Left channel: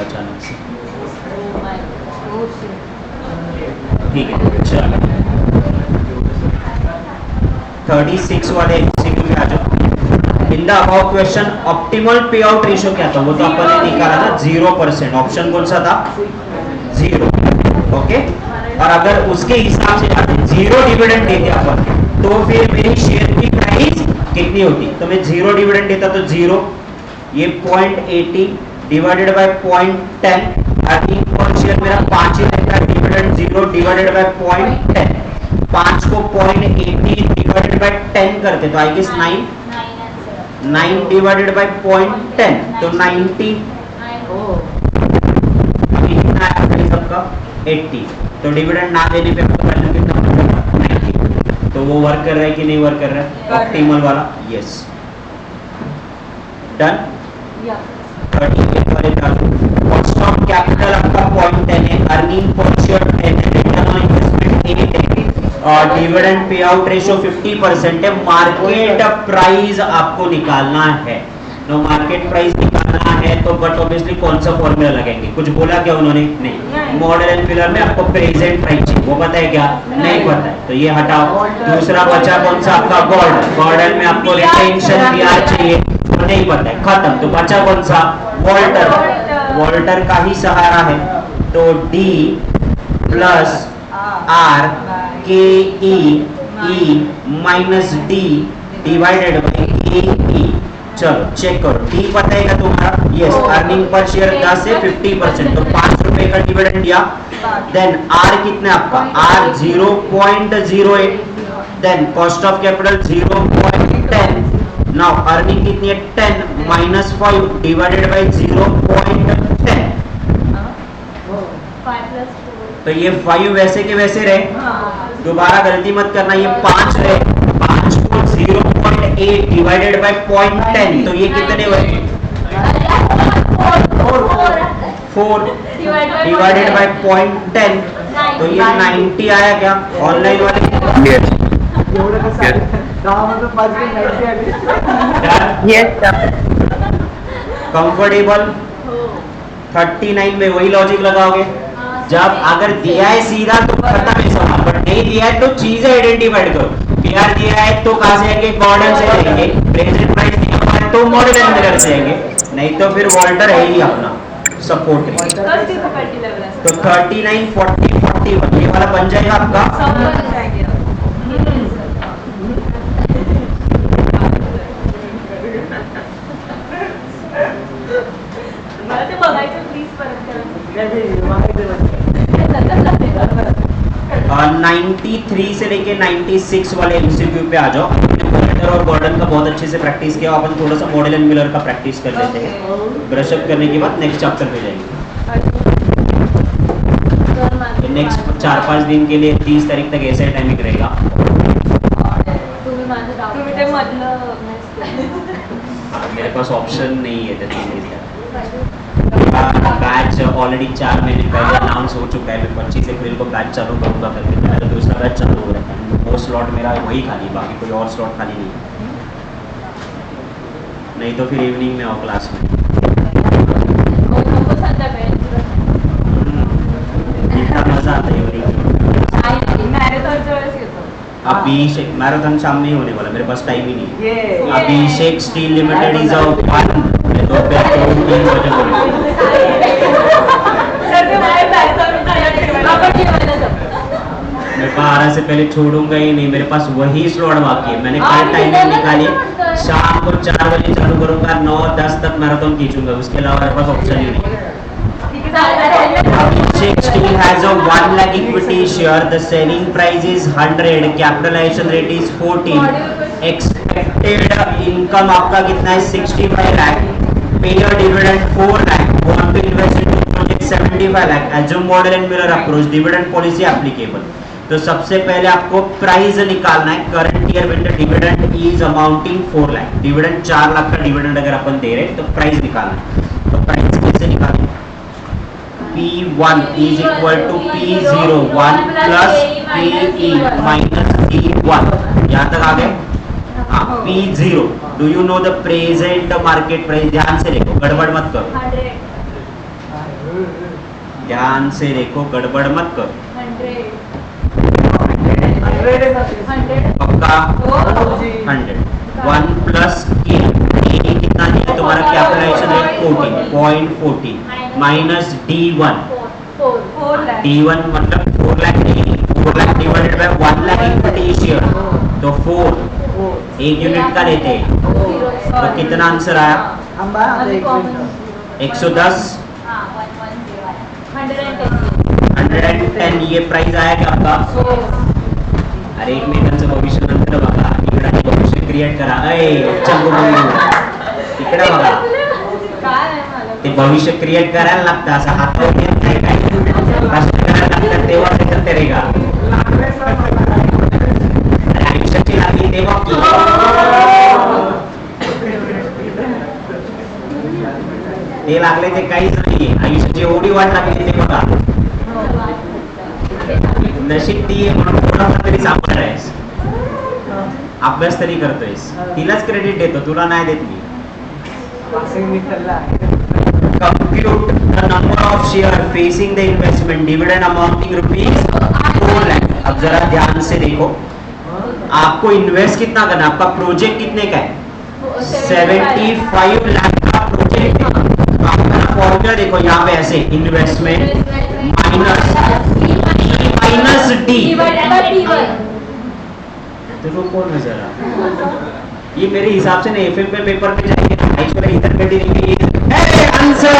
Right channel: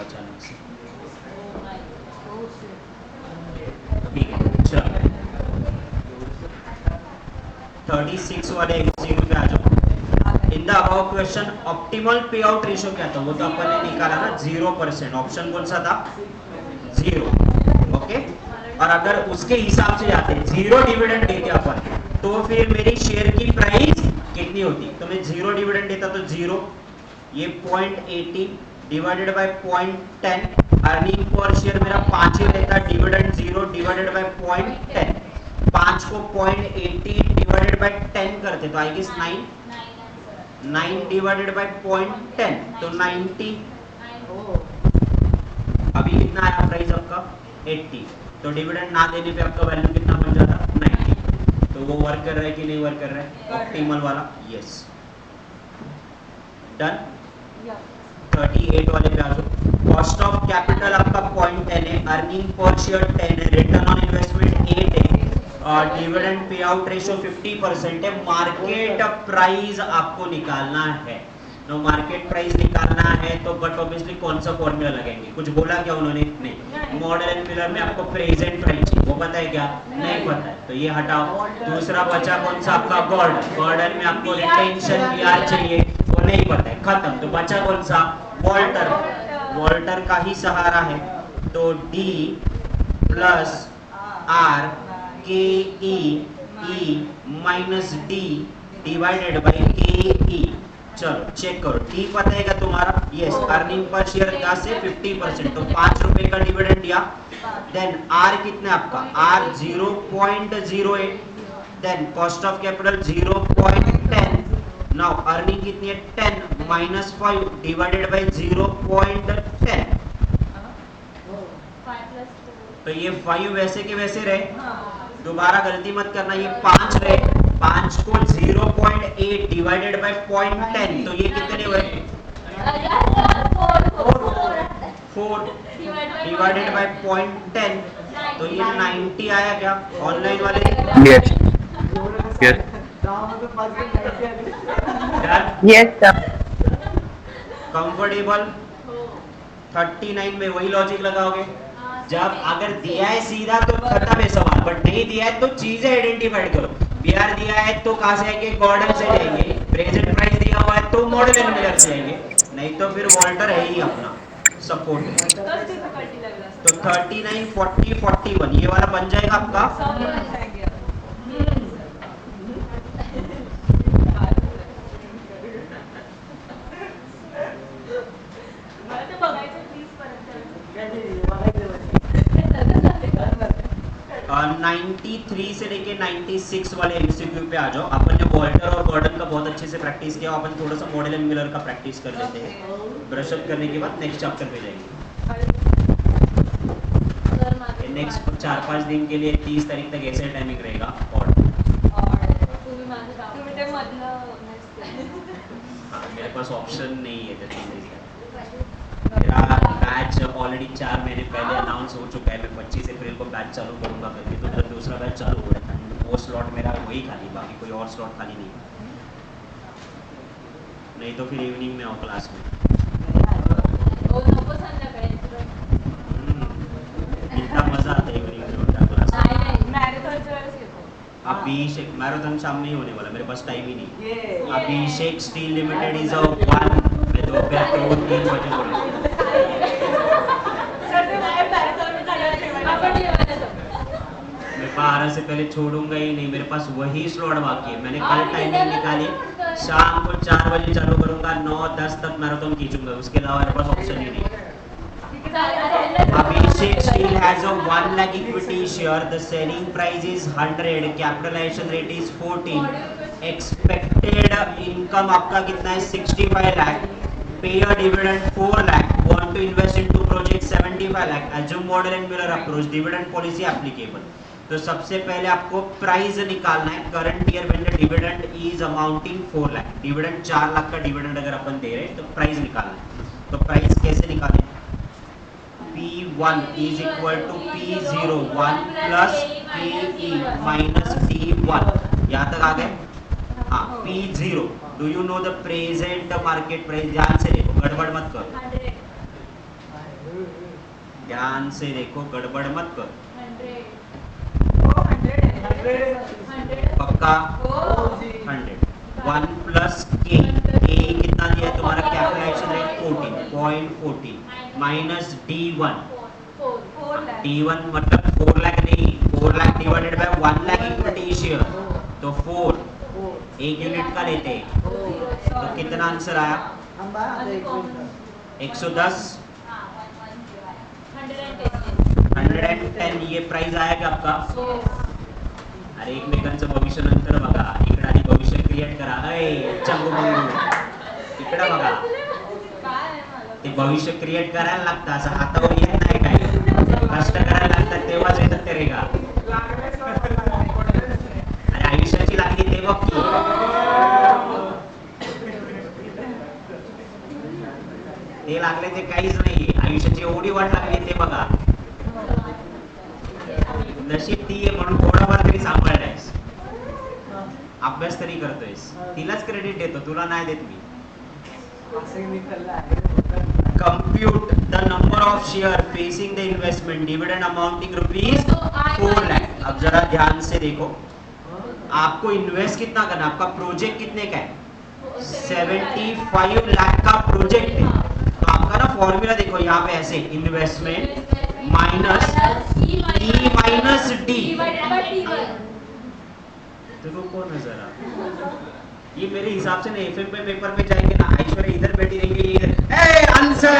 अचानक से। ठीक है चलो 36 वाले एमसीक्यू पे आ जाओ। In the about question optimal पे आउट रेशियो क्या था, वो तो अपन ने निकाला ना 0%। ऑप्शन कौन सा था, 0। ओके, और अगर उसके हिसाब से जाते 0 डिविडेंड देते अपन तो फिर मेरी शेयर की प्राइस कितनी होती। तो मैं 0 डिविडेंड देता तो 0, ये 0.80 divided by 0.10, earning per share मेरा 5 ही रहता है, डिविडेंड 0 डिवाइडेड बाय 0.10, 5 को 0.80 डिवाइडेड बाय 10 करते तो आई गेस 9 डिवाइडेड बाय 0.10 तो 90। अभी कितना आया प्राइस आपका 80, तो डिविडेंड ना देने पे आपका वैल्यू कितना बन जाता 90। तो वो वर्क कर रहा है कि नहीं वर्क कर रहा है ऑप्टिमल वाला, यस डन। 38 वाले पे आ जाओ। कॉस्ट ऑफ कैपिटल आपका 0.10 है, अर्निंग पर शेयर 10 है, रिटर्न ऑन इन्वेस्टमेंट 8 है, और डिविडेंड पे आउट रेशियो 50% है। मार्केट प्राइस आपको निकालना है, तो मार्केट प्राइस निकालना है तो बट ऑब्वियसली कौन सा फॉर्मूला लगेंगे, कुछ बोला क्या उन्होंने, नहीं। मॉडल एंड पिलर में आपको प्रेजेंट प्राइस चाहिए, वो पता है क्या, नहीं पता है, तो ये हटाओ। दूसरा बचा कौन सा आपका गोल्ड, गोल्डन में आपको रिटेंशन ब्याज चाहिए, वो नहीं पता है, खत्म। तो बचा कौन सा, वॉल्टर, वॉल्टर का ही सहारा है, तो डी प्लस आर के E minus D divided by के ई। चलो चेक करो, डी पता है क्या तुम्हारा, यस, अर्निंग पर शेयर 10 से 50%, तो 5 रुपए का डिविडेंड दिया। देन आर कितना आपका, R 0.08, then cost of capital 0.10, now earning कितनी है 10 माइनस 5 डिवाइडेड बाई 0.10, तो ये 5 वैसे के वैसे रहे, दोबारा गलती मत करना, ये 5 रहे, 5 को 0.8 डिवाइडेड बाय 0.10, तो ये कितने हुए 4 डिवाइडेड बाय 0.10, तो ये 90 आया क्या ऑनलाइन वाले, यस यस कंफर्टेबल। 39 में वही लॉजिक लगाओगे, जब अगर दिया है सीधा तो खत्म है सवाल, बट नहीं दिया है तो चीजें आइडेंटिफाइड करो। पीआर दिया है तो कहां से आएंगे, गॉर्डन से जाएंगे, प्रेजेंट प्राइस दिया हुआ है तो मॉडल एंड मिलर से आएंगे, नहीं तो फिर वॉल्टर है ही अपना सपोर्ट है। तो 39 40 41 ये वाला बन जाएगा आपका। और 93 से लेके 96 वाले एमसीक्यू पे आ जाओ। अपन ने वॉल्टर और गॉर्डन का बहुत अच्छे से प्रैक्टिस किया, अपन थोड़ा सा मॉडल एंड मिलर का प्रैक्टिस कर लेते हैं। ब्रश अप करने के बाद नेक्स्ट चैप्टर पे जाएंगे। नेक्स्ट 4-5 दिन के लिए 30 तारीख तक ऐसे टाइमिंग रहेगा। मेरे पास ऑप्शन नहीं है, बैच ऑलरेडी 4 महीने पहले अनाउंस हो चुका है, मैं 25 अप्रैल को बैच चालू करूंगा करके, तो मेरा दूसरा बैच चालू हो रहा है, वो स्लॉट मेरा वही खाली, बाकी कोई और स्लॉट खाली नहीं, नहीं तो फिर इवनिंग में आओ क्लास में। इतना मजा आता है इवनिंग में। अभिषेक मैराथन शाम में ही होने वाला, मेरे पास टाइम ही नहीं है। अभिषेक स्टील लिमिटेड इज अ 1, मैं दोपहर को 3 बजे बोलूँगा। मैं 12 से पहले छोड़ूंगा ही नहीं, मेरे पास वही स्लॉट बाकी है। मैंने कल टाइमिंग निकाली, शाम को 4 बजे चालू करूंगा, 9-10 तक मैराथन खींचूंगा, उसके अलावा मेरे पास ऑप्शन ही नहीं है। Abhishek Steel has a 1 lakh equity share. The selling price is 100. Capitalization rate is 14. Expected income आपका कितना है 65 lakh. Pay a dividend 4 lakh. Want to invest into project 75 lakh. Assume model and mirror approach. Dividend policy applicable. तो सबसे पहले आपको price निकालना है। Current year में dividend is amounting 4 lakh. Dividend 4 lakh का डिविडेंड अगर अपन दे रहे हैं तो प्राइस निकालना है। तो प्राइस कैसे निकालें? P1 is equal to P01 plus PE minus D1। यहाँ तक आ गए? हाँ, P0 do you know the present market price? ध्यान से देखो, गड़बड़ मत करो। ध्यान से देखो, गड़बड़ मत करो। 100 पक्का? 100 1 प्लस के कितना दिया तुम्हारा capitalisation rate 14.14 minus D1 D1 मतलब 4 लाख नहीं, 4 lakh divided bye 1 lakh equity share तो 4 एक यूनिट का लेते हैं तो कितना आंसर आया? 110 110 ये प्राइस आया क्या आपका? अरे एकमेकांचं भविष्य नंतर बघा, इकडे भविष्य क्रिएट करा. चंगू मंगू इकडे बघा, ते भविष्य क्रिएट करायला लागतं, असं हातावर येत नाही, काय कष्ट करायला लागतात तेव्हाच येतात ते रेगा. अरे आयुष्याची लागली ते बघ की. ते लागले ते काहीच नाहीये, आयुष्याची एवढी वाट लागली ते बघा. नशीब ती आहे म्हणून थोडाफार तरी सांभाळायस, अभ्यास तरी करतोयस, तिलाच क्रेडिट देतो, तुला नाही देत मी. Compute the number of share facing the investment dividend amounting ₹4 lakh. अब जरा ध्यान से देखो, आपको इन्वेस्ट कितना करना, आपका प्रोजेक्ट कितने का है? 75 लाख का प्रोजेक्ट है. तो आपका ना फॉर्मूला देखो यहाँ पे ऐसे, इन्वेस्टमेंट माइनस डी. तो रुको ना जरा, ये मेरे हिसाब से ना एफएम पे पेपर पे जाएंगे ना, आइसोले इधर बैठी रहेंगे, ये आंसर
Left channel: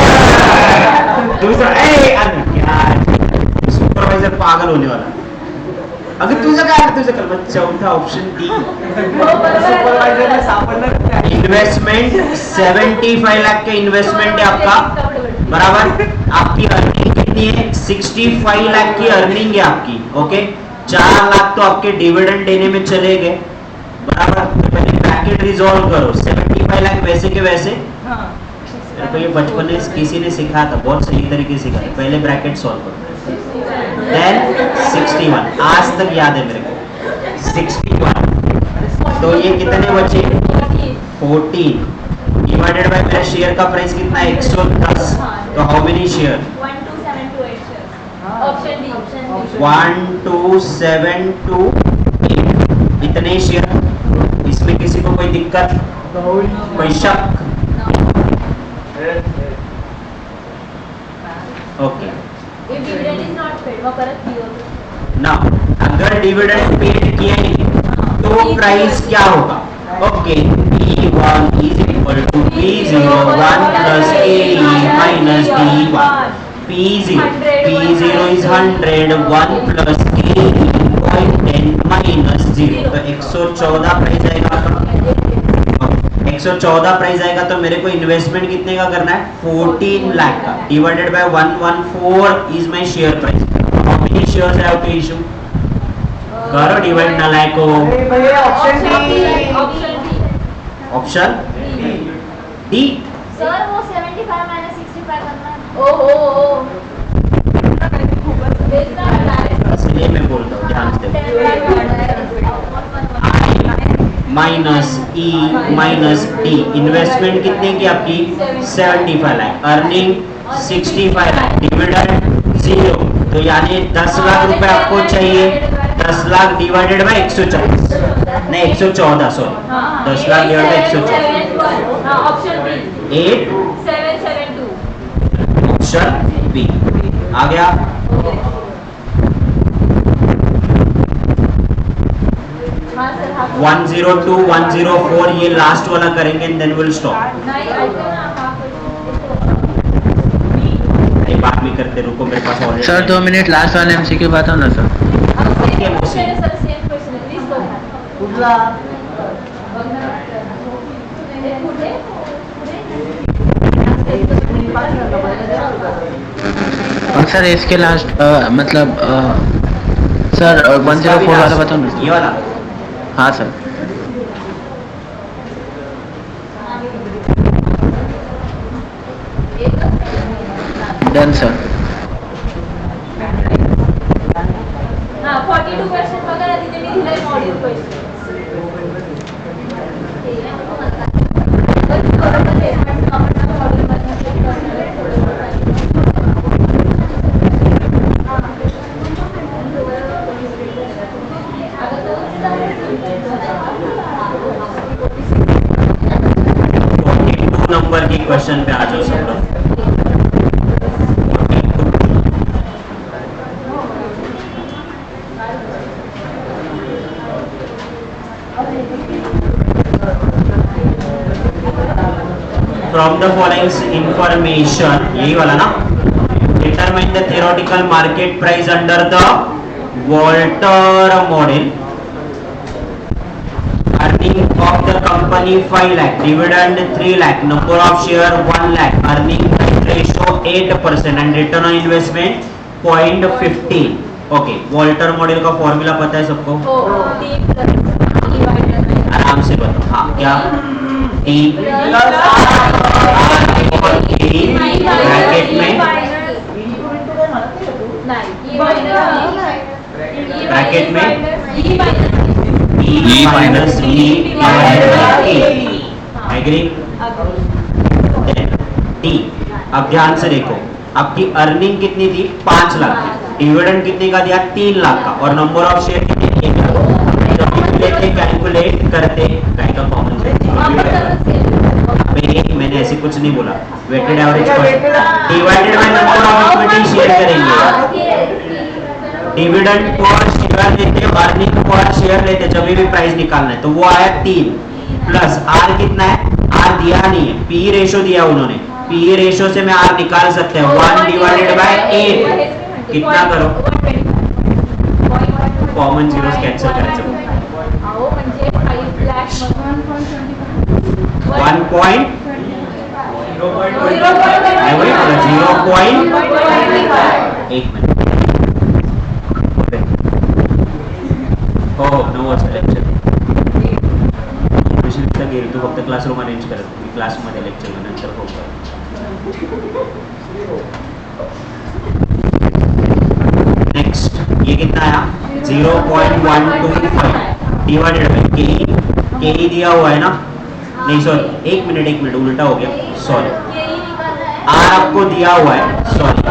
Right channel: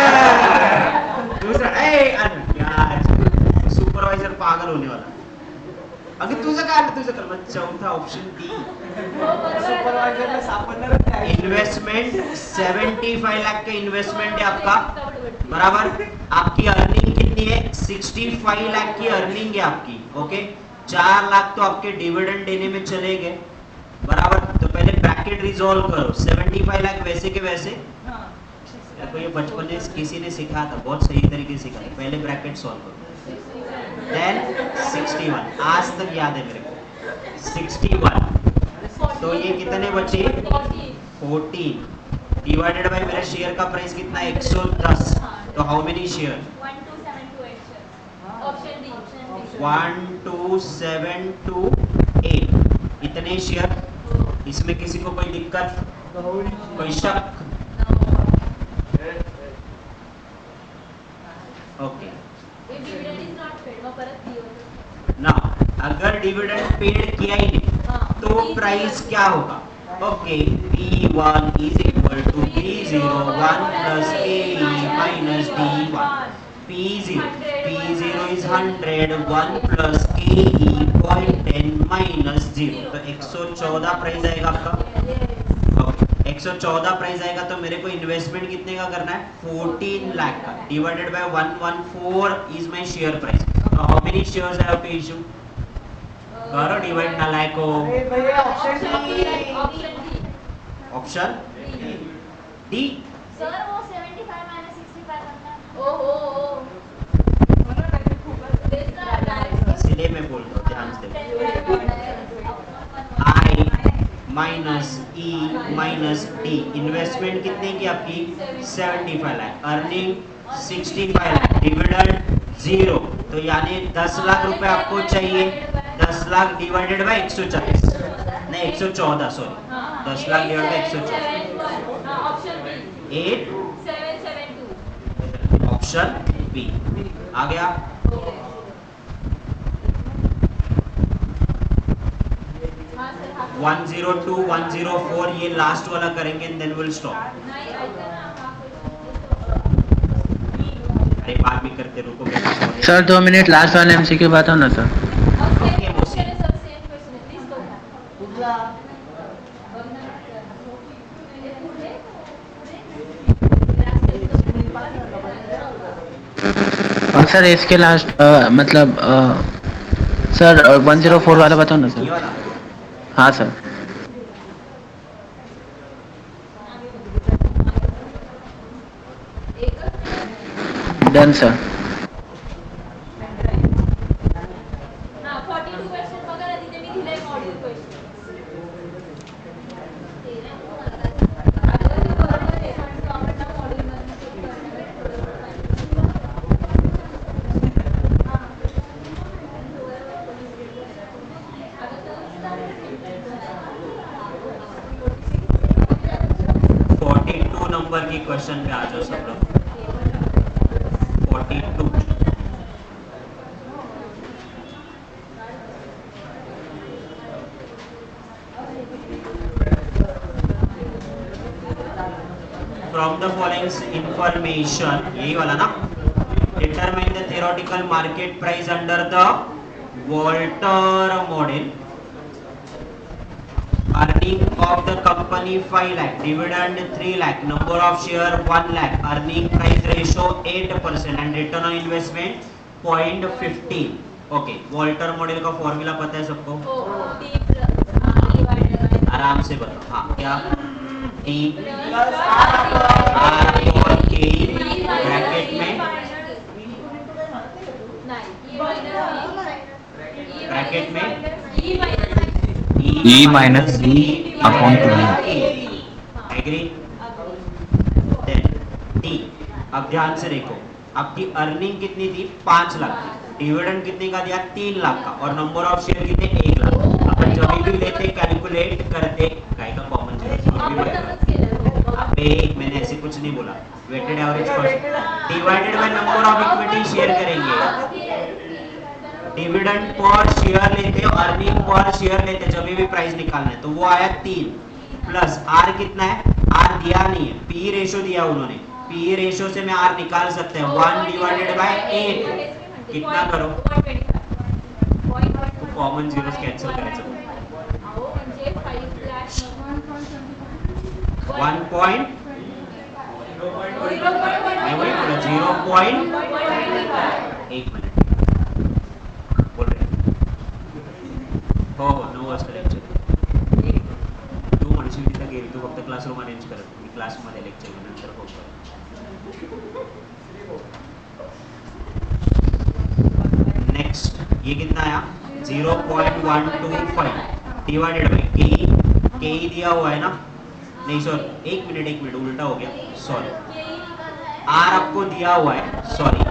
दूसरा क्या सुपरवाइजर पागल होने वाला. अगर तुझं काय, तुझं कर मग चौथा ऑप्शन डी. इन्वेस्टमेंट 75 लाख के इन्वेस्टमेंट है आपका, बराबर. आपकी अर्निंग कितनी है? 65 लाख की अर्निंग है आपकी. ओके, 4 लाख तो आपके डिविडेंड देने में चले गए, बराबर. तो पहले ब्रैकेट रिजॉल्व करो. 75 लाख वैसे के वैसे, मेरे को ये बचपन में किसी ने सिखाया था, बहुत सही तरीके से सिखाया था. पहले ब्रैकेट सॉल्व करो, देन 61, आज तक याद है मेरे को. 61 तो ये कितने बचे? 14 डिवाइडेड बाय मेरा शेयर का प्राइस कितना है? 110. तो हाउ मेनी शेयर? 12728 इतने शेयर. इसमें किसी को कोई दिक्कत, कोई शक? ओके ना, अगर डिविडेंड पेड किया ही नहीं तो प्राइस क्या होगा? Okay, P1 is equal to P0 1 plus AE minus D1. P0 is 100, 1 plus AE 0.10 minus 0. तो 114 प्राइस आएगा आपका. 114 प्राइस आएगा तो मेरे को इन्वेस्टमेंट कितने का करना है? 14 लाख का, divided by 114 is my share price. How many shares I have to issue? करो डिवाइड ना लाइको. Option D. सर वो 75 माइनस 65 करना. ओहो इसलिए मैं बोलता हूँ, ध्यान से. आई minus E minus D. Investment कितने की आपकी? 75 लाख. अर्निंग 65 लाख. डिविडेंड 0. तो यानी 10 लाख रुपए आपको चाहिए. 10 लाख डिवाइडेड बाय 140, नहीं 114, sorry. 10 lakh divided by 114. 8772. Option B आ गया. हाँ सर, हाँ. 102 104 ये लास्ट वाला करेंगे एंड देन विल स्टॉप. अरे बाद में करते, रुको मेरे पास और सर 2 मिनट लास्ट वाले एमसीक्यू बताओ ना सर. ओके मोसी. सर इसके लास्ट मतलब सर 104 वाला बताओ ना सर. ये वाला. हाँ सर. Done sir. हाँ 42 क्वेश्चन वगैरह तिथे मी दिले module question. From the following information, यही वाला ना, determine the theoretical market price under the Walter model. Earning of the company 5 lakh, dividend 3 lakh, number of share 1 lakh, earning price ratio 8% and return on investment 0.15. Okay, Walter model का formula पता है सबको? आराम से बताओ. हाँ, क्या? T plus R और K ब्रैकेट में E minus E divided by E. Agree? Then D. अब ध्यान से देखो, आपकी अर्निंग कितनी थी? 5 लाख की. डिविडेंड कितने का दिया? 3 लाख का. और नंबर ऑफ शेयर कितने? 1 लाख. अपन जब भी लेते कैलकुलेट करते काय का कॉमन पे, मैंने ऐसे कुछ नहीं बोला. Weighted average cost divided by number of equity share करेंगे. डिविडेंड पर शेयर लेते हो, अर्निंग पर शेयर लेते, जब भी प्राइस निकालना है तो वो आया 3 प्लस आर कितना है? आर दिया नहीं है, पी रेशो दिया उन्होंने. पी रेशो से मैं आर निकाल सकते हैं 1 डिवाइडेड बाय 8. कितना करो? कॉमन जीरोस कैंसिल करायचं. 1 पॉइंट 0.1 मिनिट. हो 9 वाजता लेक्चर. तू गेली, तू फक्त क्लासरूम अरेंज करत, मी क्लासमध्ये लेक्चर नंतर होतं. नेक्स्ट, ये कितना आया? 0.125 डिवाइडेड बाय के दिया हुआ है ना, नहीं सॉरी, एक मिनट उल्टा हो गया, सॉरी. आर आपको दिया हुआ है, सॉरी,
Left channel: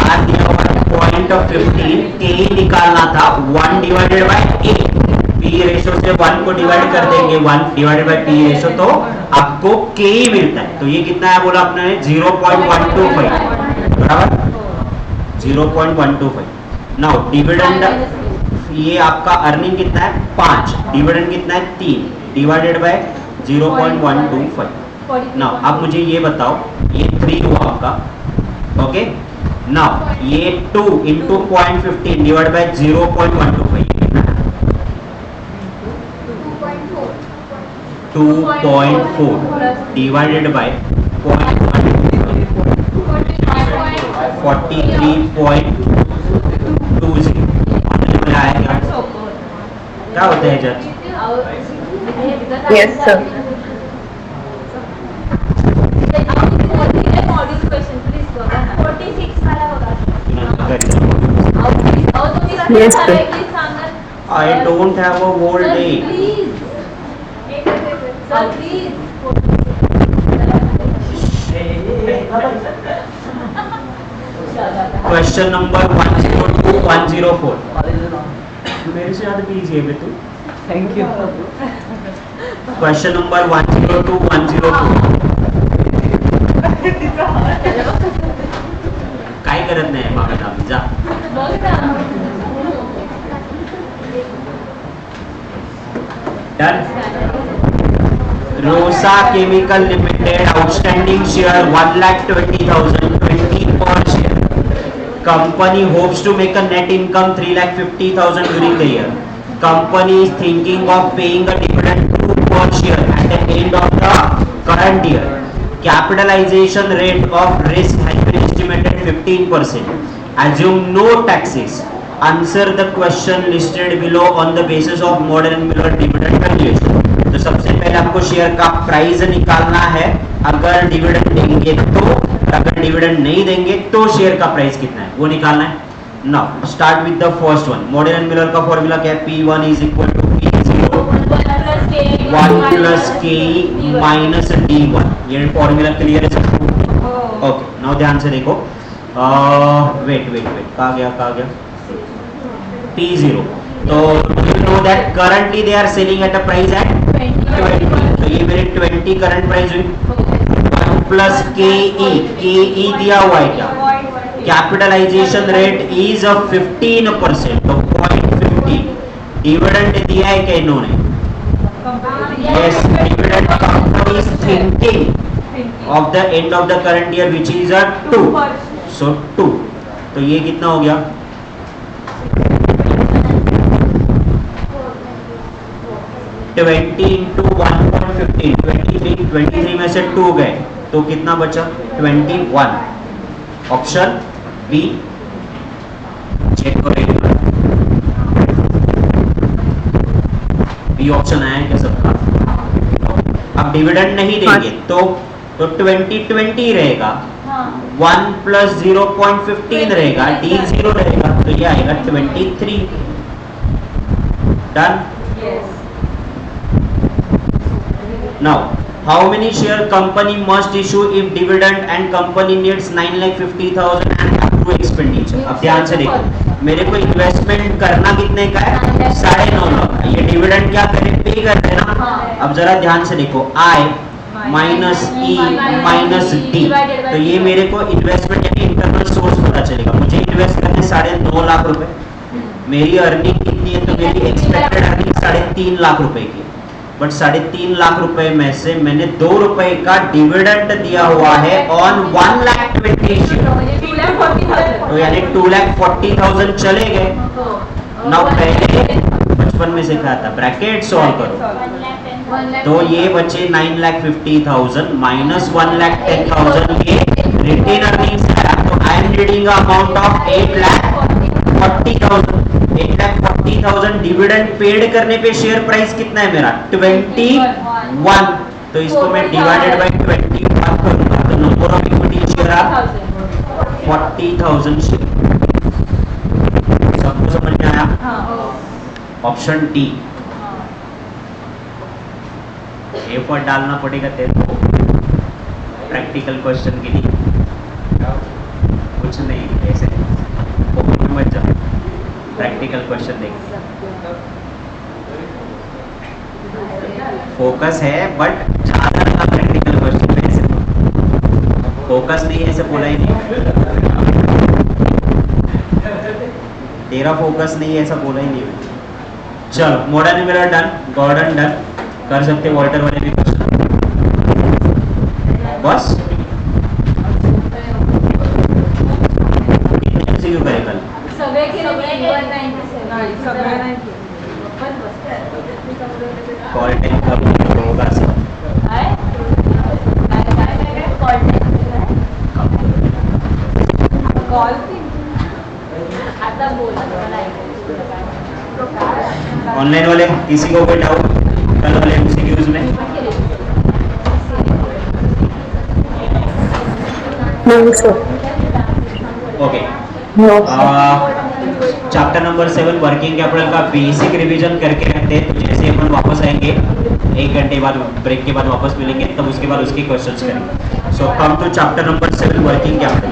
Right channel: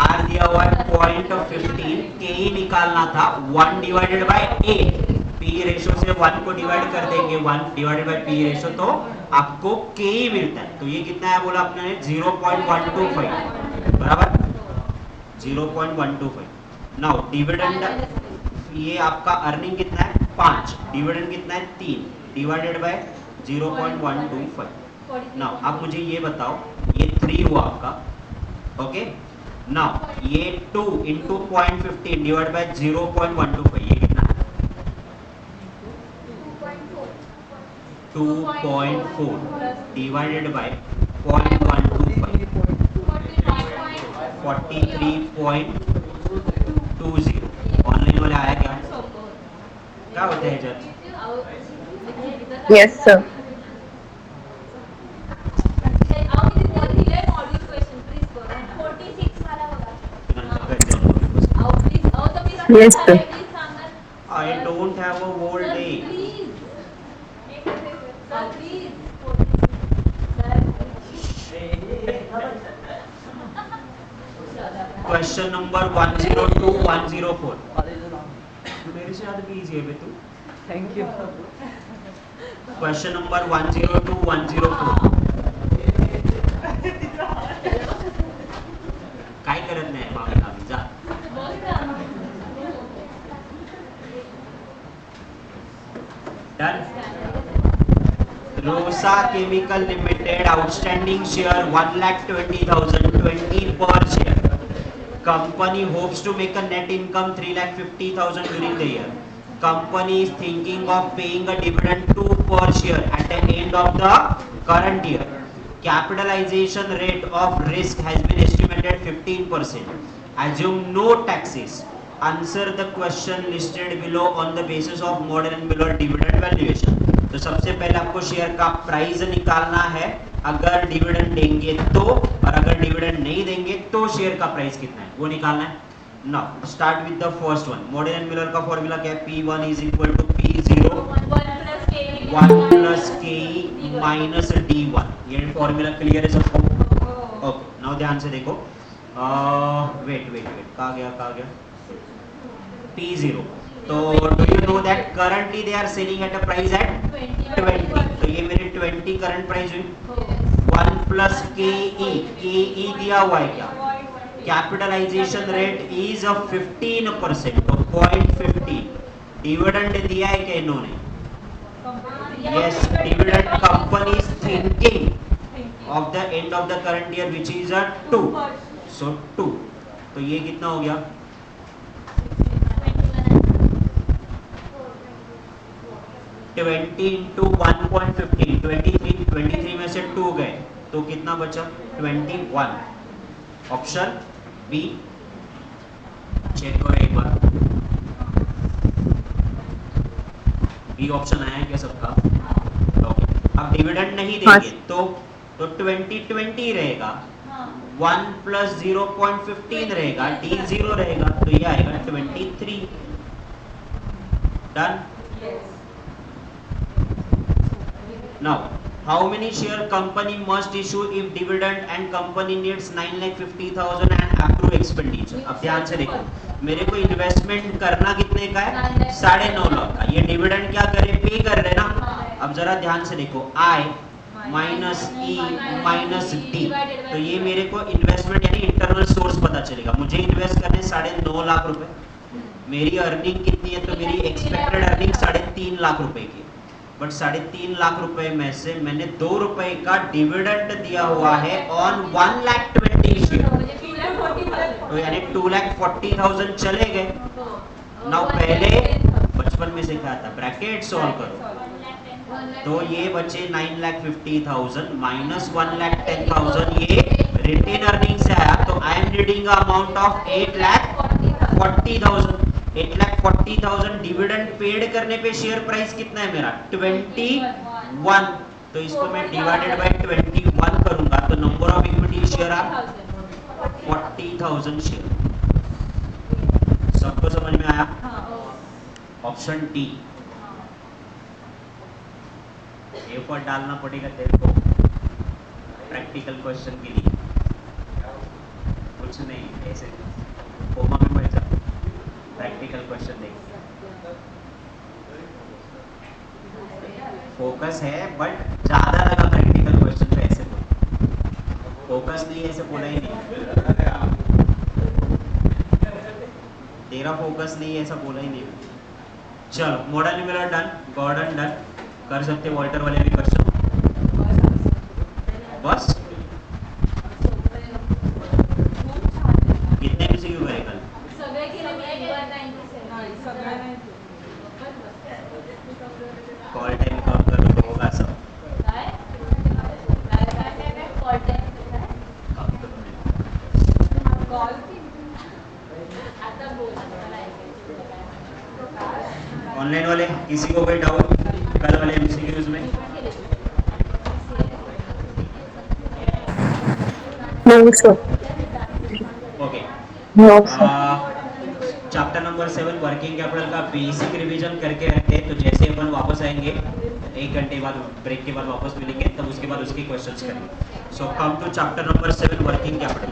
आर दिया हुआ है 0.15. के निकालना था 1 डिवाइडेड बाय 8. पी रेशो से 1 को डिवाइड कर देंगे, 1 डिवाइडेड बाय पी रेशो, तो आपको के ही मिलता है. तो ये कितना है बोला आपने? 0.125. बराबर 0.125. नाउ डिविडेंड, ये आपका अर्निंग कितना है? 5. डिविडेंड कितना है? 3 डिवाइडेड बाय 0.125. नाउ अब मुझे ये बताओ, ये 3 हुआ आपका. ओके, नाउ ये 2 इंटू 0.15 डिवाइड बाय 0.125, ये कितना है? 2.4 डिवाइडेड बाय 0.125, 43.20. ऑनलाइन में आया क्या होता है जज? Yes sir. Yes, sir. I don't have a whole day. Question number 102, 104. मेरे से ज्यादा कीजिए बे तू. Thank you. Question number 102, 104. काय करत नाही मागत आम्ही, जा. Done. Rosa Chemical Limited outstanding share 1,20,000, 20 per share. Company hopes to make a net income 3,50,000 during the year. Company is thinking of paying a dividend 2 per share at the end of the current year. Capitalization rate of risk has been estimated 15%. Assume no taxes. Answer the question listed below on the basis of Model and Miller dividend valuation. तो सबसे पहले आपको share का price निकालना है, अगर dividend देंगे तो, और अगर डिविडेंड नहीं देंगे तो शेयर का प्राइस कितना है वो निकालना है. Now start with the first one. Model and Miller का फॉर्मूला क्या है? P1 is equal to P0 1 plus K minus D1. ये फॉर्मूला क्लियर है सबको? ओके, नाउ ध्यान से देखो. वेट कहाँ गया? P0. तो do you know that currently they are selling at a price at 20. तो ये मेरी 20 करंट प्राइस हुई. 1 प्लस के दिया हुआ है क्या? कैपिटलाइजेशन रेट इज 15%, तो 0.50. डिविडेंड दिया है क्या इन्होंने? Yes, dividend company is thinking of the end of the current year which is अ 2, सो 2, तो ये कितना हो गया? 20 इंटू 1.15, 23 में से 2 गए तो कितना बचा? 21। ऑप्शन बी चेक करो एक बार, बी ऑप्शन आया है क्या सबका? अब डिविडेंड नहीं देंगे तो 20 रहेगा, 1 प्लस 0.15 रहेगा, डी 0 रहेगा, तो ये आएगा 23। Done. Now, how many share company must issue if dividend and company needs 9,50,000 and accrue expenditure? अब ध्यान से देखो, मेरे को इन्वेस्टमेंट करना कितने का है? 9.5 लाख का। ये डिविडेंड क्या करें? पे कर रहे ना। अब जरा ध्यान से देखो, I minus E minus D, तो ये मेरे को इन्वेस्टमेंट यानी इंटरनल सोर्स पता चलेगा। मुझे इन्वेस्ट करने 9.5 लाख रुपए, मेरी अर्निंग कितनी है? तो मेरी एक्सपेक्टेड अर्निंग 3.5 लाख रुपए की, बट 3.5 लाख रुपए में से मैंने 2 रुपए का डिविडेंड दिया हुआ है ऑन 1,20,000 शेयर, तो यानी 2,40,000 चले गए। नाउ पहले बचपन में सिखाया था, ब्रैकेट सॉल्व करो, तो ये बचे 9,50,000 माइनस 1,10,000, ये रिटेन अर्निंग से आया, तो I am reading amount of 8,40,000। 8,40,000 dividend paid करने पे शेयर प्राइस कितना है मेरा? 21, तो इसको मैं डिवाइडेड बाय 21 करूंगा, तो नंबर ऑफ इक्विटी शेयर आ 40,000 शेयर। सबको समझ में आया? Option D. ए फॉर डालना पड़ेगा तेरे को प्रैक्टिकल क्वेश्चन के लिए, कुछ नहीं ऐसे फोकस में मत जाओ, प्रैक्टिकल क्वेश्चन देखिए। फोकस है बट ज्यादा लगा प्रैक्टिकल क्वेश्चन पे, ऐसे फोकस नहीं, ऐसे बोला ही नहीं, तेरा फोकस नहीं है ऐसा बोला ही नहीं। चलो modern numeral done, Gordon done, कर सकते वॉल्टर वाले भी क्वेश्चन, बस कितने में से क्यों करे कल? कॉल टाइम कब तो होगा सब? ऑनलाइन वाले किसी को कोई डाउट कल वाले एमसीक्यूज में? नहीं sir. Okay, no chapter number 7 working capital का बेसिक रिवीजन करके रखते हैं, तो जैसे अपन वापस आएंगे 1 घंटे बाद ब्रेक के बाद वापस मिलेंगे, तब उसके बाद उसके क्वेश्चंस करेंगे। So come to chapter number 7 working capital.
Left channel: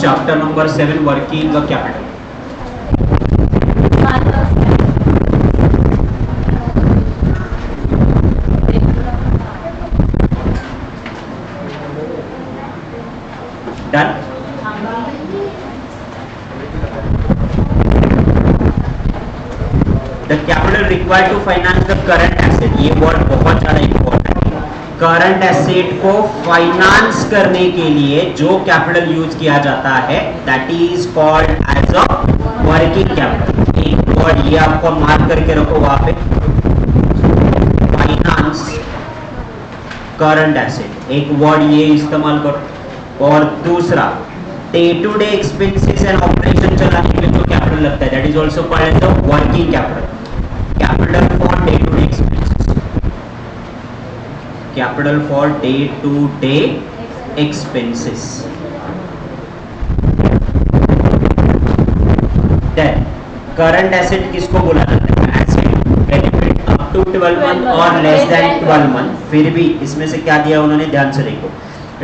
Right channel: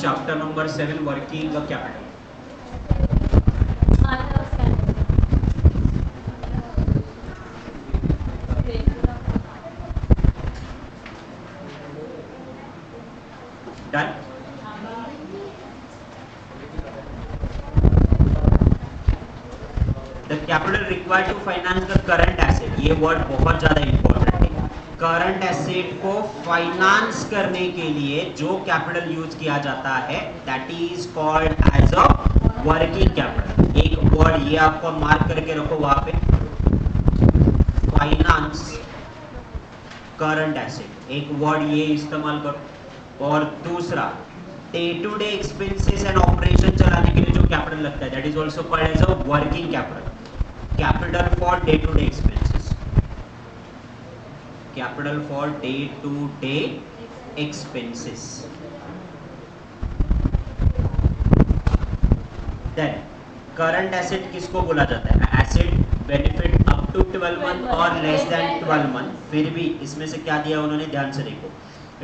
Chapter number 7 working capital. Done. The capital required to finance the current asset, ये वर्ड बहुत ज्यादा इंपॉर्टेंट है। करंट एसेट को फाइनेंस करने के लिए जो कैपिटल यूज किया जाता है that is called as a working capital. एक वर्ड ये आपको मार्क करके रखो वहां पे, फाइनेंस करंट एसेट, एक वर्ड ये इस्तेमाल करो। और दूसरा day to day expenses and operation चलाने के लिए जो कैपिटल लगता है that is also called as a working capital. Capital for day to day expenses, capital for day to day expenses. Then current asset किसको बोला जाता है? Asset benefit up to 12 month और लेस देन 12 मंथ। फिर भी इसमें से क्या दिया उन्होंने, ध्यान से देखो,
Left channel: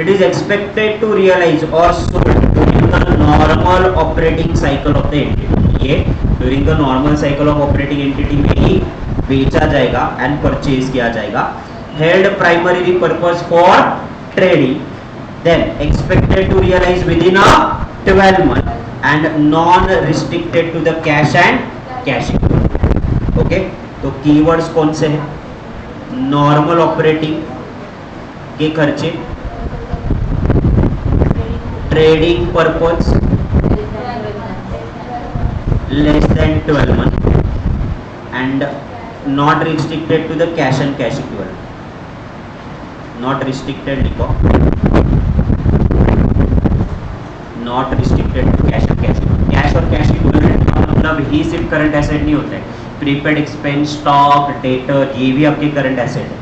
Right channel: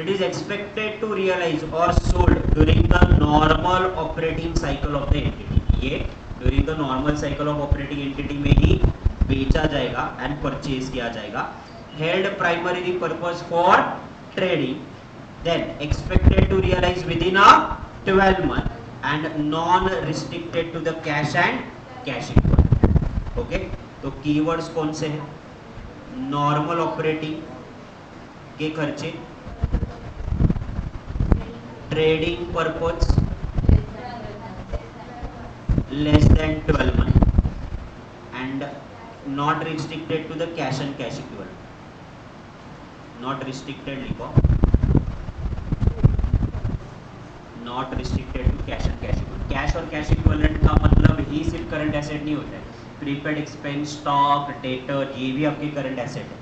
it is expected to realize or sold during the normal operating cycle of the entity। ये during the normal cycle of operating entity में ही बेचा जाएगा and purchase किया जाएगा। held primarily purpose for trading, then expected to realize within a 12 month and non restricted to the cash and cash equivalent। okay, तो keywords कौन से हैं? normal operating, ये खर्चे trading purpose less than 12 month and not restricted to the cash and cash equivalent. Not restricted लिखो, not restricted to cash and cash equivalent. Cash और cash equivalent का मतलब ही सिर्फ करंट एसेट नहीं होता है, प्रीपेड एक्सपेंस, स्टॉक, डेटर, ये भी आपके करंट एसेट है.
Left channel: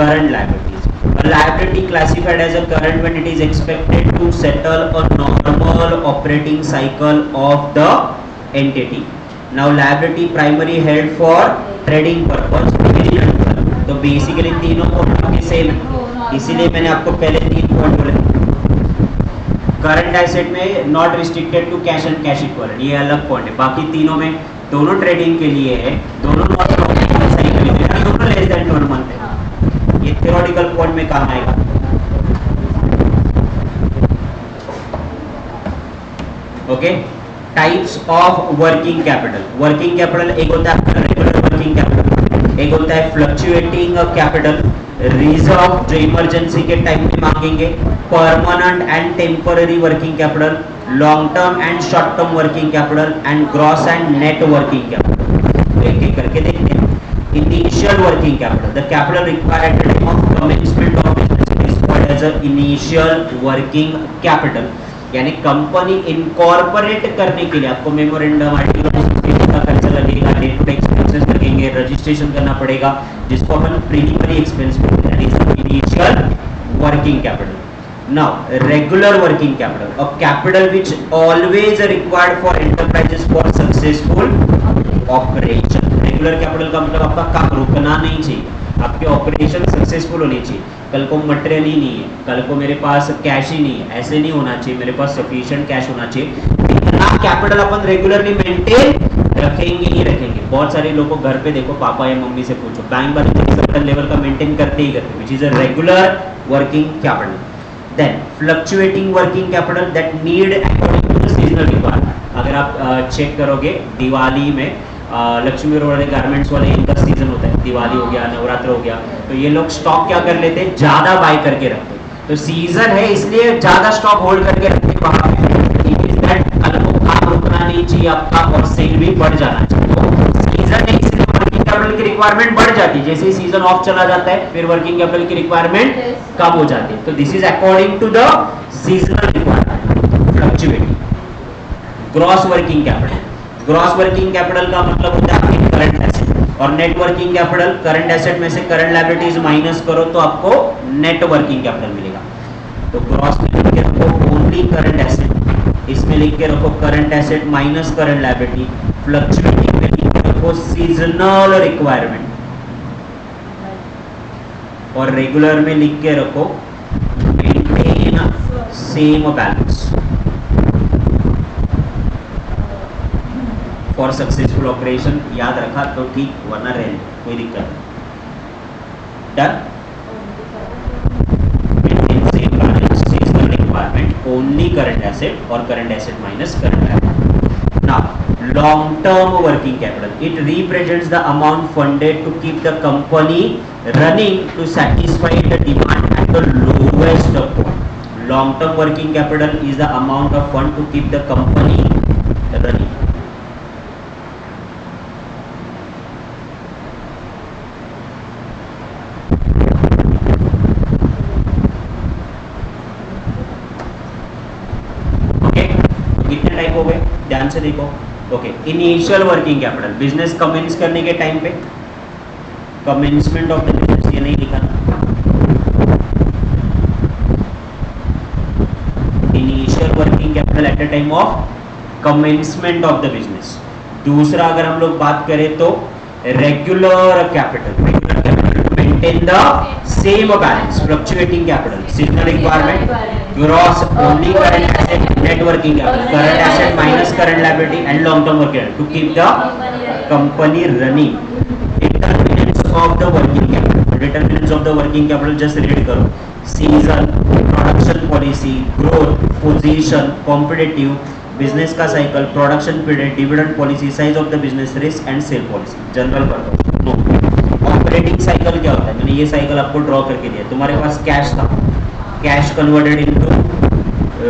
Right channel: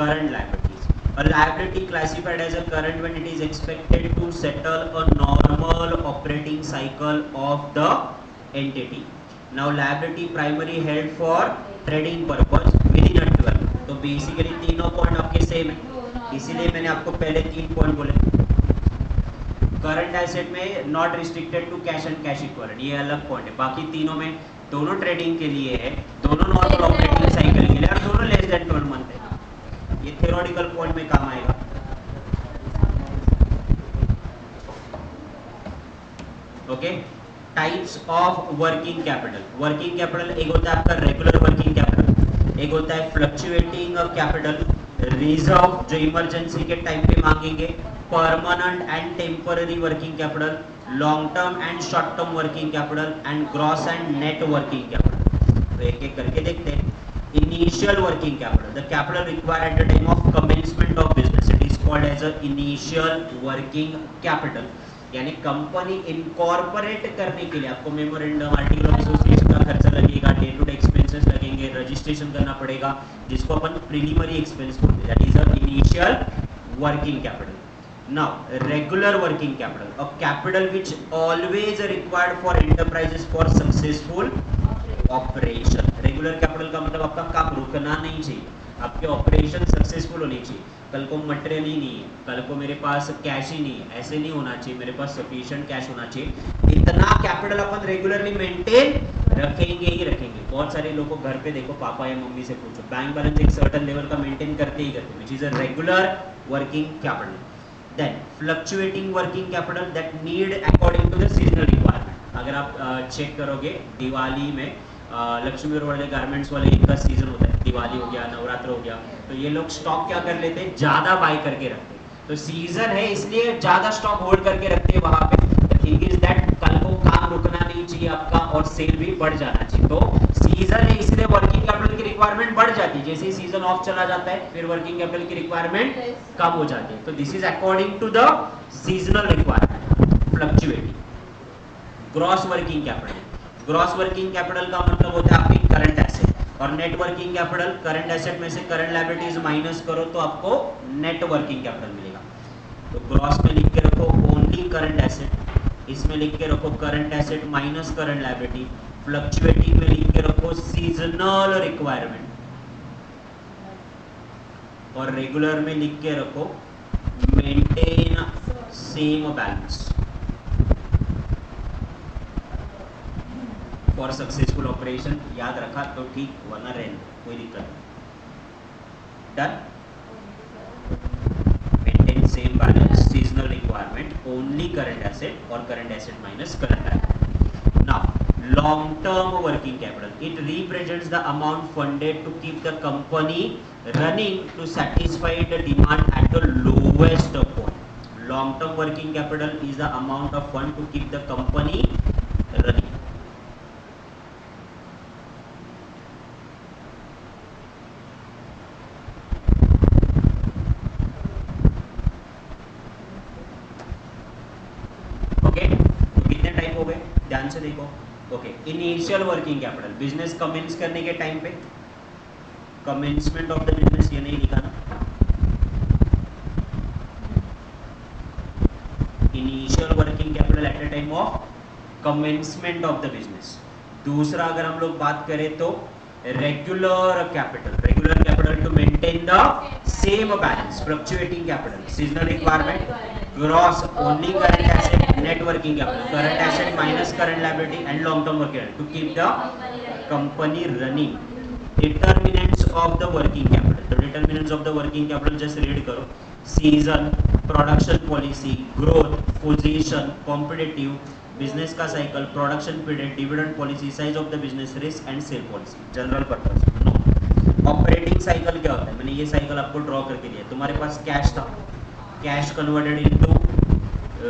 Current liabilities. A liability classified as a current when it is expected to settle a normal operating cycle of the entity. Now liability primary held for trading purpose within a 12. तो basically तीनों point आपके same है, इसीलिए मैंने आपको पहले 3 point बोले. Current asset में not restricted to cash and cash equivalent, ये अलग पॉइंट है. बाकी तीनों में दोनों ट्रेडिंग के लिए है, दोनों नॉर्मल ऑपरेटिंग साइकिल के लिए है, दोनों लेस देन 12 मंथ है. ये थ्योरेटिकल पॉइंट में काम आएगा. Okay, types of working capital. Working capital एक होता है आपका रेगुलर वर्किंग कैपिटल, एक होता है फ्लक्चुएटिंग कैपिटल, रिजर्व जो इमरजेंसी के टाइम में मांगेंगे, permanent and temporary working capital, long term and short term working capital and gross and net working capital. तो एक एक करके देखते हैं. Initial working capital, the capital required at the time of commencement of business, it is called as a initial working capital. यानी company incorporate करने के लिए आपको मेमोरेंडम, आर्टिकल ऑफ एसोसिएशन का खर्चा लगेगा, डे टू डे एक्सपेंसेस लगेंगे, registration करना पड़ेगा, जिसको अपन प्रीलिमिनरी एक्सपेंस बोलते हैं. That is the initial working capital. Now regular working capital, a capital which always required for enterprises for successful operation. Regular capital का मतलब आपका काम रुकना नहीं चाहिए, आपके ऑपरेशन सक्सेसफुल होनी चाहिए. कल को मटेरियल ही नहीं है, कल को मेरे पास कैश ही नहीं है, ऐसे नहीं होना चाहिए. मेरे पास सफिशिएंट कैश होना चाहिए. इतना कैपिटल अपन रेगुलरली मेंटेन रखेंगे ही रखेंगे. बहुत सारे लोगों को घर पे देखो, पापा या मम्मी से पूछो, बैंक बैलेंस एक सर्टेन लेवल का मेंटेन करते ही करते, which is a regular working capital. Then fluctuating working capital that need according to the seasonal requirement. अगर आप चेक करोगे दिवाली में लक्ष्मी वाले गारमेंट्स वाले इनका सीजन होता है, दिवाली हो गया, नवरात्र हो गया, तो ये लोग स्टॉक क्या कर लेते हैं, ज्यादा बाय करके रखते हैं. तो सीजन है इसलिए ज्यादा स्टॉक होल्ड करके रखते हैं वहां पे. इट इज दैट कल को काम रुकना नहीं चाहिए आपका और सेल भी बढ़ जाना चाहिए. तो सीजन है इसलिए वर्किंग कैपिटल की रिक्वायरमेंट बढ़ जाती है. जैसे सीजन ऑफ चला जाता है फिर वर्किंग कैपिटल की रिक्वायरमेंट कम हो जाती है. तो this is according to the seasonal requirement. Fluctuating. Gross working capital. Gross working capital का मतलब होता है आपकी करंट एसेट, और net working capital current asset में से करंट लायबिलिटीज माइनस करो तो आपको नेट वर्किंग कैपिटल मिलेगा. तो ग्रॉस में लिख के रखो ओनली करंट एसेट, इसमें लिख के रखो current asset minus current liability. Fluctuating में लिख के रखो सीजनल रिक्वायरमेंट, और रेगुलर में लिख के रखो maintain same balance for successful operation. याद रखा तो ठीक, वरना रहने कोई दिक्कत नहीं. Done. Maintain same balance, seasonal requirement, only current asset और current asset minus current liability. Now long term working capital, it represents the amount funded to keep the company running to satisfy the demand at the lowest point. Long term working capital is the amount of fund to keep the company running. कितने type हो गए ध्यान से देखो. Okay, initial working capital, business commence करने के time पे, commencement of the business, ये नहीं लिखा ना, initial working capital at the time of commencement of the business. दूसरा अगर हम लोग बात करें तो regular capital, regular capital to maintain the same balance. Fluctuating capital, seasonal requirement, gross only current asset, net working capital, current asset minus current liability and long term working capital to keep the company running. Determinants of the working capital. Determinants of the working capital just read करो, season, production policy, growth, position, competitive, business का cycle, production period, dividend policy, size of the business, risk and sale policy. General purpose no. Operating cycle क्या होता है, मैंने ये cycle आपको draw करके दिया। तुम्हारे पास कैश था, cash converted into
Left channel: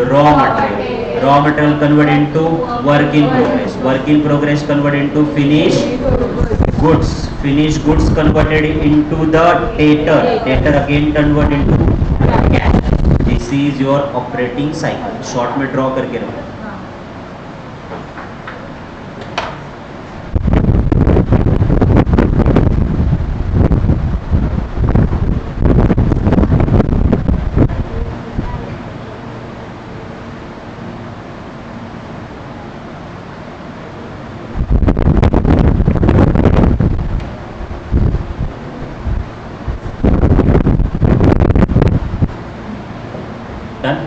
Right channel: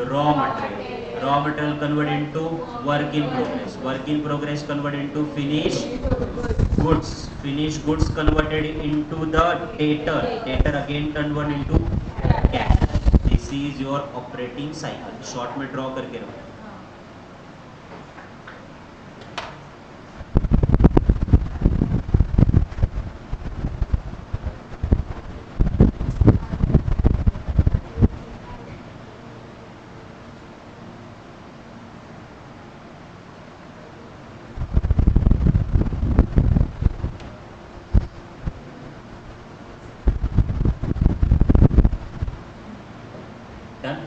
raw material, raw material convert into work in progress, work in progress convert into finish goods, finish goods converted into the debtor, debtor again convert into cash. This is your operating cycle. Short में draw करके रखो। Done?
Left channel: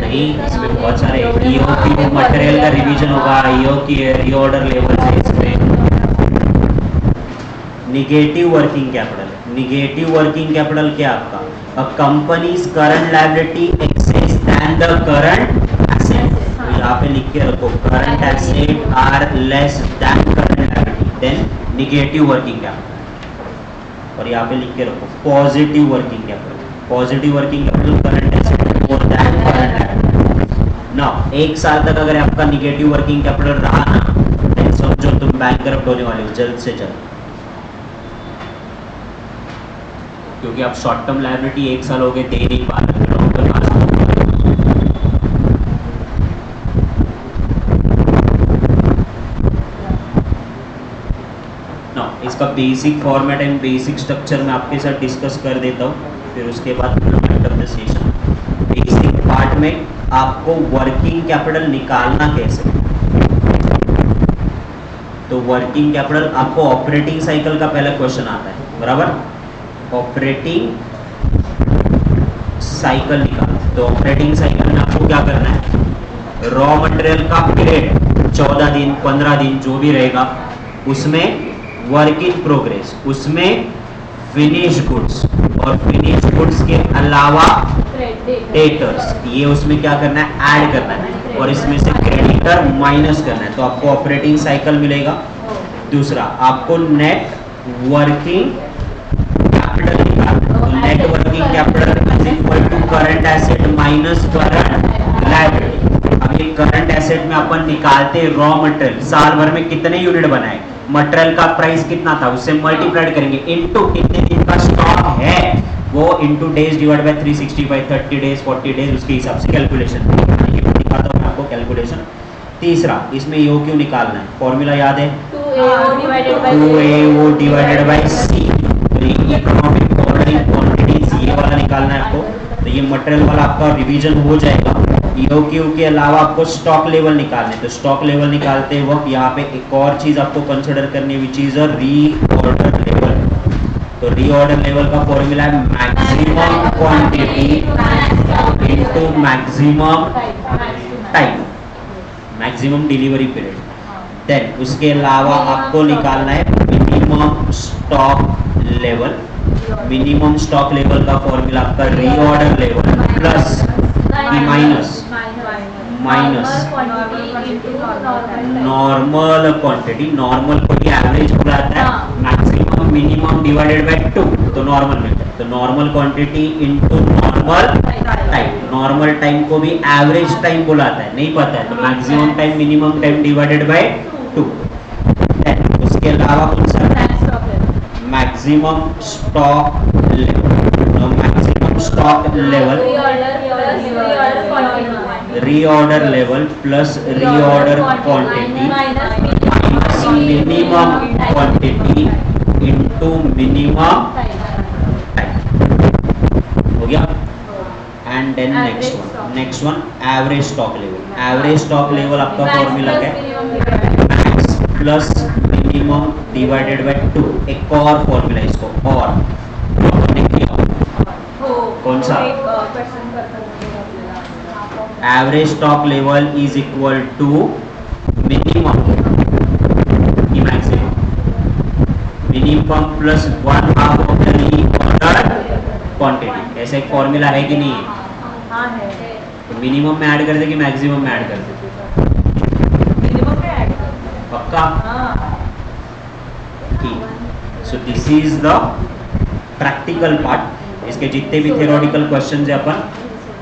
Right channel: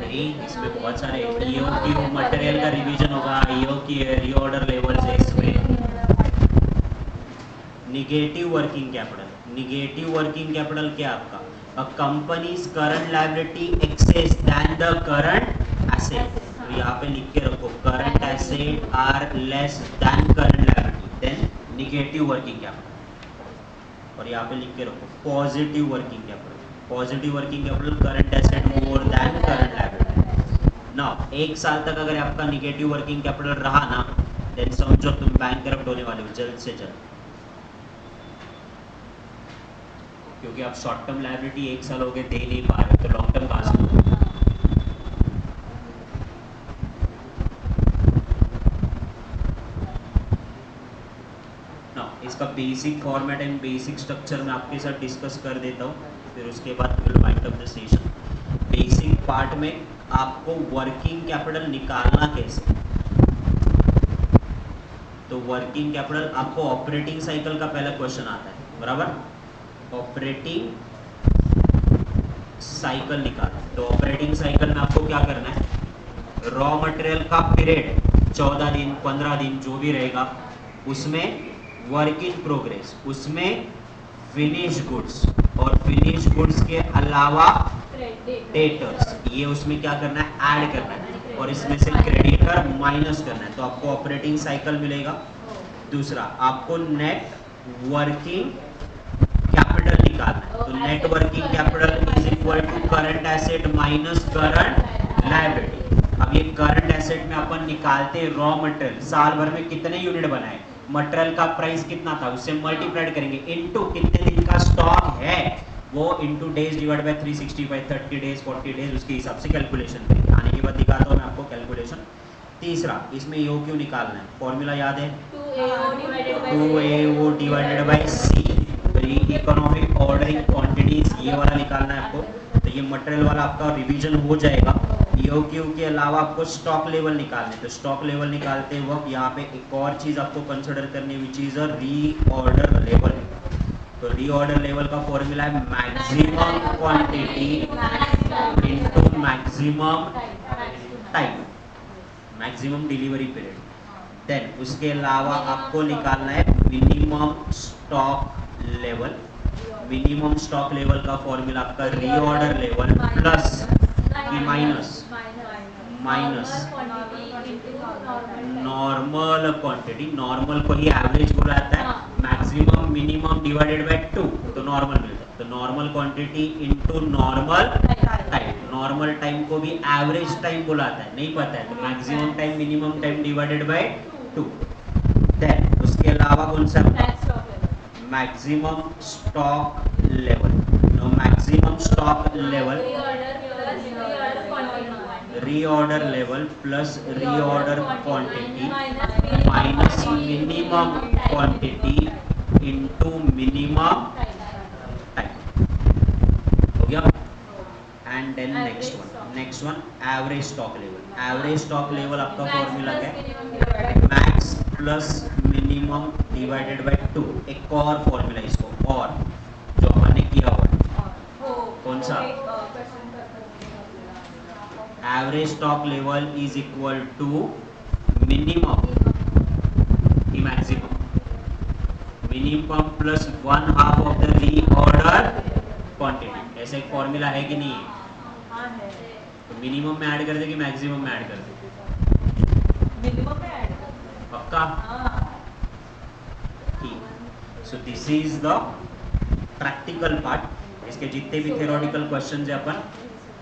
नहीं, इसमें बहुत सारे EOQ material का revision होगा, EOQ reorder level से इसमें। Negative working capital, negative working capital क्या आपका, अ companies current liability exceeds than the current asset. तो यहाँ पे लिख के रखो, current asset are less than current liability, then negative working capital. और यहाँ पे लिख के रखो positive working capital, positive working capital current asset more than current liability. Now 1 साल तक अगर आपका निगेटिव वर्किंग कैपिटल रहा ना, देन समझो तुम बैंकरप्ट होने वाले हो जल्द से जल्द, क्योंकि आप शॉर्ट टर्म लायबिलिटी 1 साल हो गए दे नहीं पा रहे, तो लॉन्ग टर्म कहाँ से? इसका basic format and basic structure मैं आपके साथ डिस्कस कर देता हूँ, फिर उसके बाद end of the session. Basic part में आपको वर्किंग कैपिटल निकालना कैसे, तो वर्किंग कैपिटल आपको ऑपरेटिंग साइकिल का पहला क्वेश्चन आता है, बराबर। ऑपरेटिंग साइकिल निकालना, तो ऑपरेटिंग साइकिल में आपको क्या करना है, रॉ मटेरियल का पीरियड 14 दिन 15 दिन जो भी रहेगा, उसमें वर्क इन प्रोग्रेस, उसमें फिनिश गुड्स, और फिनिश गुड्स के अलावा डेटर्स, ये उसमें क्या करना है, ऐड करना है, और इसमें से क्रेडिटर माइनस करना है, तो आपको ऑपरेटिंग साइकिल मिलेगा। दूसरा, आपको नेट वर्किंग कैपिटल निकालना है, तो net working capital is equal to current asset minus current liability. अब ये करंट एसेट में अपन निकालते रॉ मटेरियल, साल भर में कितने यूनिट बनाए, मटेरियल का प्राइस कितना था, उससे मल्टीप्लाइड करेंगे इनटू कितने दिन का स्टॉक है, वो into days divide by 365, 30 days 40 days, उसके हिसाब से कैलकुलेशन आने की बात दिखाता हूं मैं आपको कैलकुलेशन। तीसरा, इसमें यो क्यू निकालना है, फॉर्मूला याद है, 2AO divided by C, economic ordering quantities, ये वाला निकालना है आपको। तो ये मटेरियल वाला आपका रिवीजन हो जाएगा। ईओक्यू के अलावा आपको स्टॉक लेवल निकालने, तो स्टॉक लेवल निकालते वक्त यहाँ पे एक और चीज आपको कंसिडर करनी, which is a reorder level. तो रीऑर्डर लेवल का फॉर्मूला है maximum quantity into maximum time, maximum delivery period. Then उसके अलावा आपको निकालना है minimum stock level. Minimum stock level का फॉर्मूला आपका reorder level plus minus normal quantity, normal को ही एवरेज बोला जाता है, मैक्सिमम मिनिमम डिवाइडेड बाय 2, तो नॉर्मल मिलता है। तो normal quantity into normal time, normal time को भी एवरेज टाइम बोला जाता है, नहीं पता है तो maximum time minimum time divided by 2। Then उसके अलावा कौन सा, maximum stock level. Maximum stock level reorder level plus reorder quantity minus minimum quantity into minimum time, हो गया। And then next one average stock level. Average stock level आपका formula क्या है, max plus minimum divided by 2, एक और formula इसको, और जो अपन ने किया हो कौन सा? एक क्वेश्चन करता average stock level is equal to minimum की maximum, minimum plus 1/2 of the reorder quantity. ऐसा एक फॉर्मूला है कि नहीं है? हाँ है, तो मिनिमम में ऐड कर दे कि मैक्सिमम में ऐड कर दे? मिनिमम में ऐड कर। पक्का? हाँ ठीक। So this is the practical part. इसके जितने भी थियोरेटिकल क्वेश्चन है अपन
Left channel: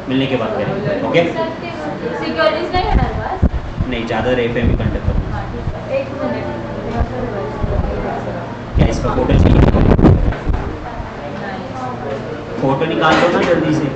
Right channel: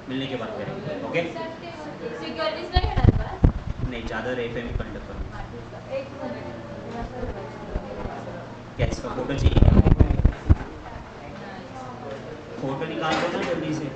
मिलने के बाद करेंगे। ओके? सिक्योरिटीज नहीं है ना बस? नहीं, ज़्यादा एफएम कंडक्ट करूँगा। एक मिनट, क्या इसका फोटो चाहिए? फोटो निकाल दो ना जल्दी से।